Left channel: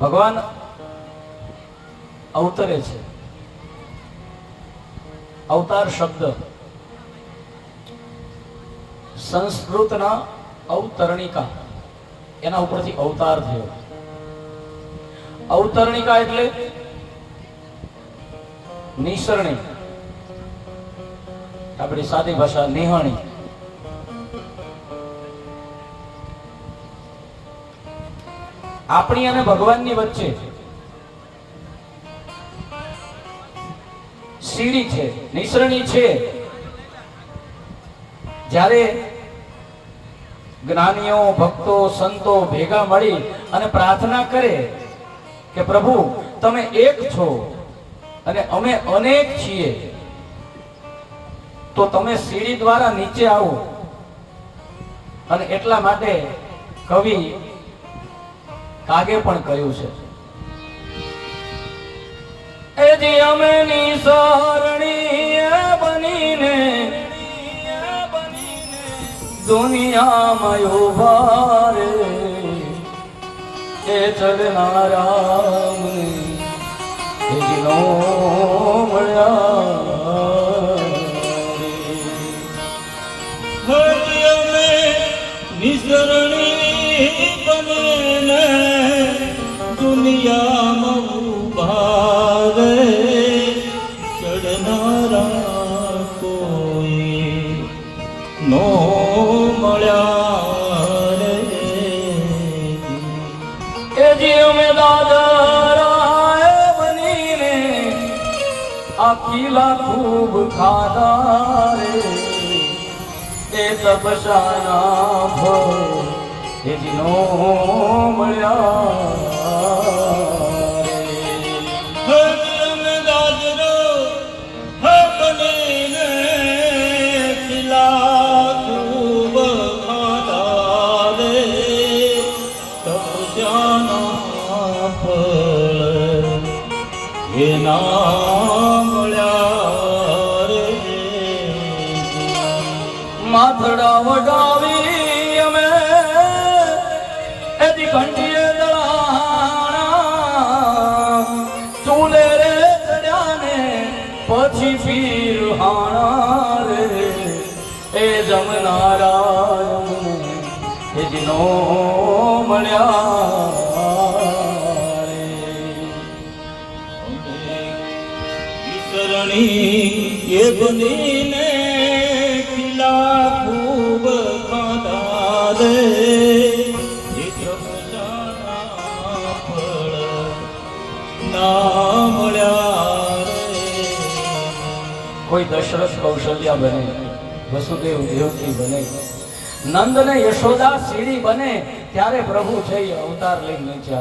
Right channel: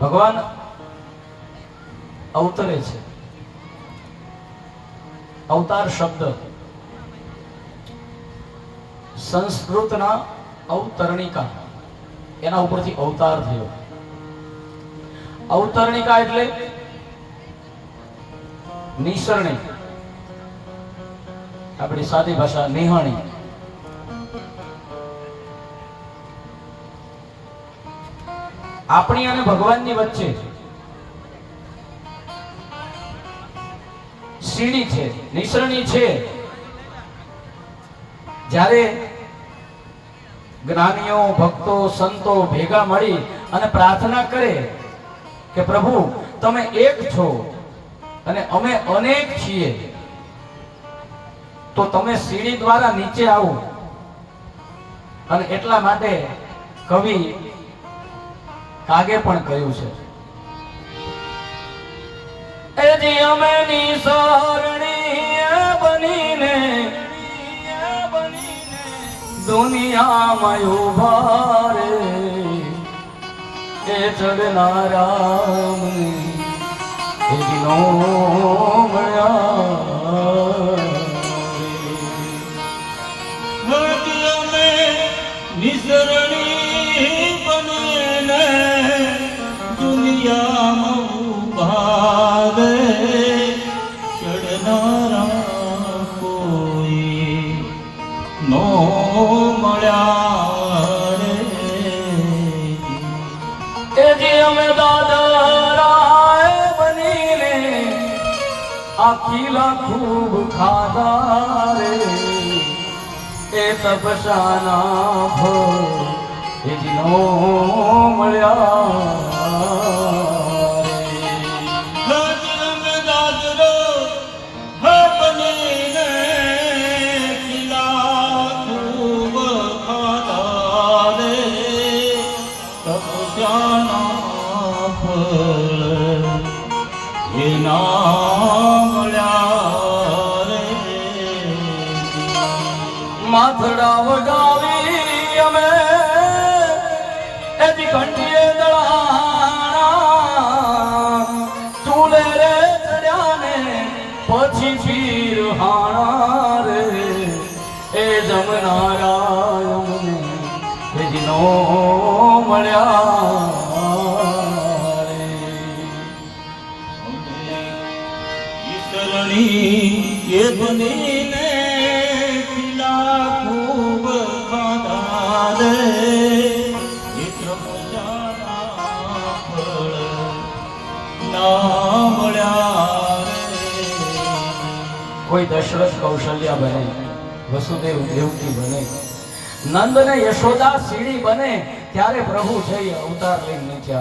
ભગવાન અવતરે છે. અવતાર શબ્દ. સંસ્કૃતના અવતરણિકા. એના ઉપરથી અવતાર થયો. અવતરણિકા એટલે નિસરણી. આપણી સાદી ભાષા નિહણી. આપણી અને ભગવાનની વચ્ચે સીડી છે, નિસરણી છે. જ્યારે જ્ઞાનીઓ, ભક્તો, સંતો ભેગા મળી અને પ્રાર્થના કરે કે પ્રભુ, તમે એક છો અને અમે અનેક છીએ, તો તમે સીડી દ્વારા નીચે આવો. અને એટલા માટે કવિ કાગે પણ કહ્યું છે. એ જે અમે નિસારણી બનીને દુનિયામાં ઊભા રે. એ ચડનારા મળ્યા નિસરણી કિલ્લા ખૂબ ખાધા રે. એ તપસાના ભો એ જીનો મળ્યા માથડા વગાવી અમે એની કંઠીએ દળાણા. ચૂલે રે પછી પીર હાણા રે. એ જમનારા અમને એ મળ્યા. વિસરણી એ ખૂબ કાંધા રે એક રમજાના ફળ ના મળ્યા રે કોઈ દશરથ કૌશલ્યા બને, વસુદેવ દેવકી બને નંદ ને યશોદા સીડી બને, ત્યારે પ્રભુ છે અવતાર લઈને નીચે